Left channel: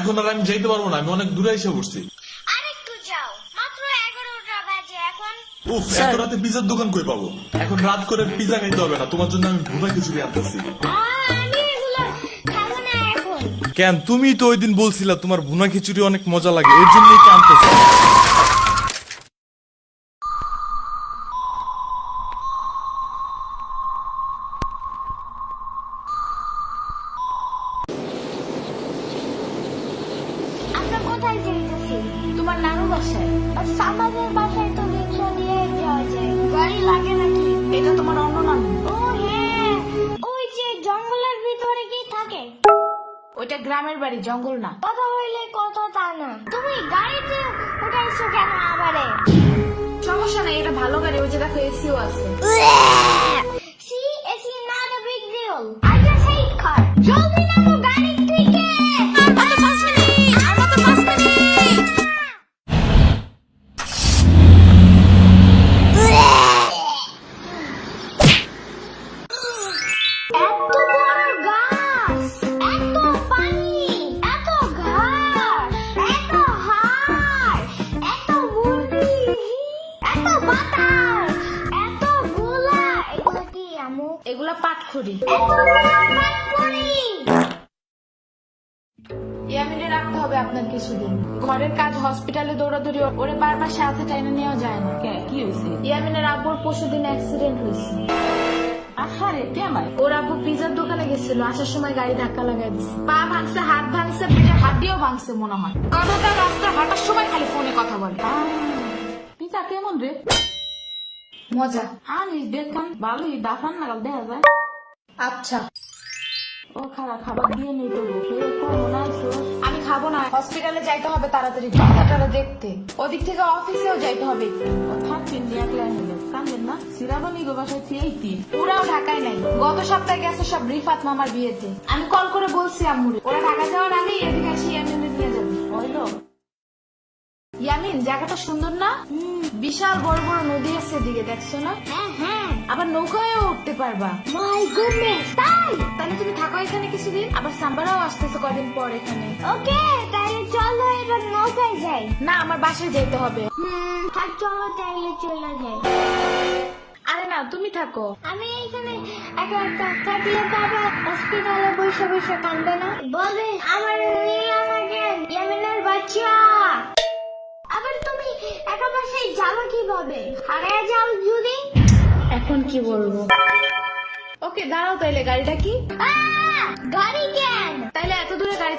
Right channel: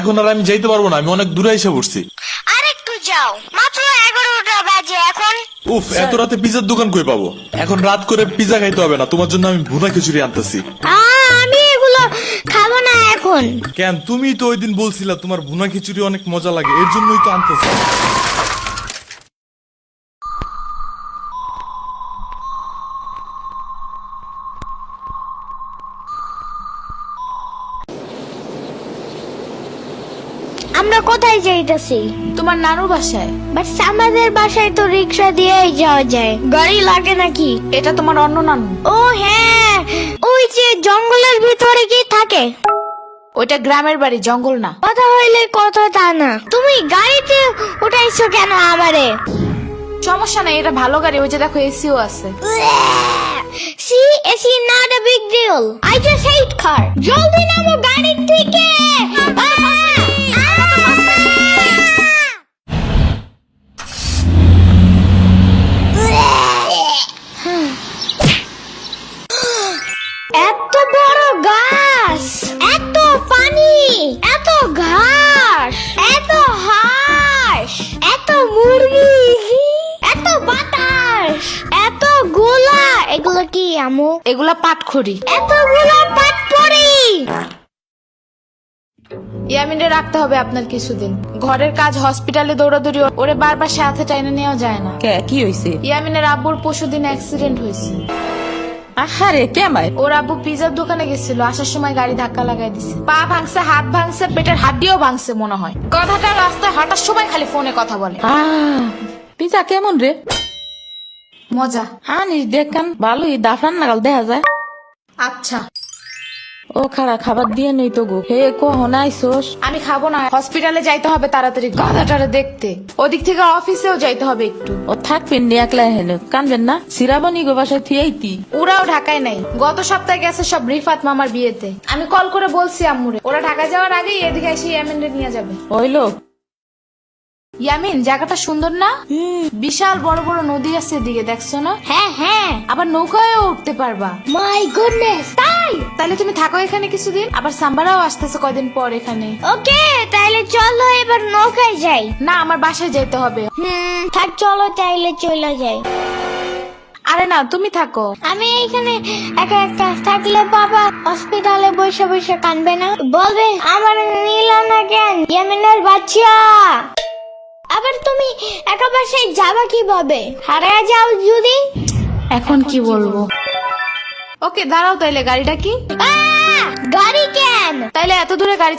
এখন আর আমি যাইতে পারবো না, আমি অনেক দূরে এসে পড়ছি। আরেকটু যাও, মাত্র 11টা বাজে এখন। উফ, এত রাতে পিজার দোকান কই পাবো? এখন রাত করে পিজা খাইতে হবে না, তোমার জন্য আমি ভুনা খিচুড়ি আনতেছি। আমি এগুলো খাবো না এখন। কেন? তুমি তো ওই দিন বলছিলা তোমার ভুনা খিচুড়ি অনেক মজা লাগে, এর জন্যই তো আনতেছি। আমরা কোথায় যাইতেছি? তোমার নানুর বাসায়। বাট আমাদের বাসায় তো রিক্সা দিয়েই যাওয়া যায়, গাড়ি লাগে নাকি? এটা তোমার অন্য নানু। ও হ্যাঁ, ওই যে জঙ্গলের ভিতরে কি থাকে? ওইটা গ্রামের বাড়ি, জঙ্গল না। কথা হইলে কথা তা না। তুমি গাড়িতে উঠাইছো কেন আমারে? সমস্যা নাই, এটা ভালো গাড়ি। ওই যে দেখো, এসিও আছে। See, it's not a big deal. I just hate car. জলদি নামো গাড়ি থেকে। এত বড় গাছ, এত পানি, এত ঘাস, এত হাঁস, এত মুরগি, এত বাতাস, এত গোলা। এগুলো কি আমু? এগুলা পাটখড়ি। এতগুলো পাটপড়ি। ইয়ামিনে রাখতে হবে আপনার কিছুদিন। ঘরের কাজ, হসপিটালে দৌড়াদৌড়ি, ওরে বারবার সাথে টাইনে নেওয়া যায় না। কি হয়েছে? ইয়ামিনের আব্বুর পরশুদিন অ্যাক্সিডেন্ট হয়েছে। আহারে কেমাই? ওর আব্বু পিজার দোকানে গেছিল, আসার সময় গাড়ি ধাক্কা লাগাই দিছে। পা ভাঙছে, হাত ভাঙছে, পেটের হাড্ডিও ভাঙছে মনে হয়। কথাটা রাস্তায় হাঁটার সময় খালি ফোনে কথা বলে। পিজা কেমন রে? মজা। আনিস দেখান, ভালোই দাফরান নাগাল দেখা যায়। আচ্ছা, ও খারা খাবার দিয়ে নেই তো গো। হে কখন আইসোস? আমি খাবো না। হসপিটালে যাইতে হবে তাড়াতাড়ি, গাধাটারে দেখতে। ওদিক থেকে অফিসেও যাইতে হবে একটু। ও থাকবেন নি একলা হেলে, কানবেন না? সিরাবনি গো বাসায় থিয়েইতি। ওরাও ঢাকায় নাই, গত সপ্তাহে গেছে সব রিফাত মামার বিয়েতে। আমি কল করে বলছি আম্মুরে, ওরা ঢাকা যাওয়ার আগেই এদিকে এসে ইয়ামিনরে নিয়ে যাবে। হইলো? ইয়ামিন, জায়গাটা সুন্দর না? বিশাল বড় বড় নদী আছে এদিকে, দেখছো না? হ্যাঁ হ্যাঁ, আবার নৌকায়ও উঠতে পারবা। মাই গুডনেস, তাই? তাহলে তুমি থাকো এখানে কিছুদিন, আবার সাম্বারাও আসতেছে কয়দিন পর এখানে। ওকে, তাইলে চলো এবার নৌকায় যাই। না, আমার বাসায় যেতে হবে। থাক, চলো তাইলে চলে যাই। আরে না, তুমি থাকো। আমি এখানে একা একা থাকলে বাবা হসপিটালে বসে বসে কানবে না? বলবে আমার নিল না কেন ইয়ামিনের বাচ্চা। আবার তুমি একা বাসায় যাবা কিভাবে? হারিয়ে যাও যদি? এখন কি বলবো? ওকে দাঁড়াও, তাইলে গাড়িটা কি? গাড়ি কেন? তাইলে এত দূরে গাড়ি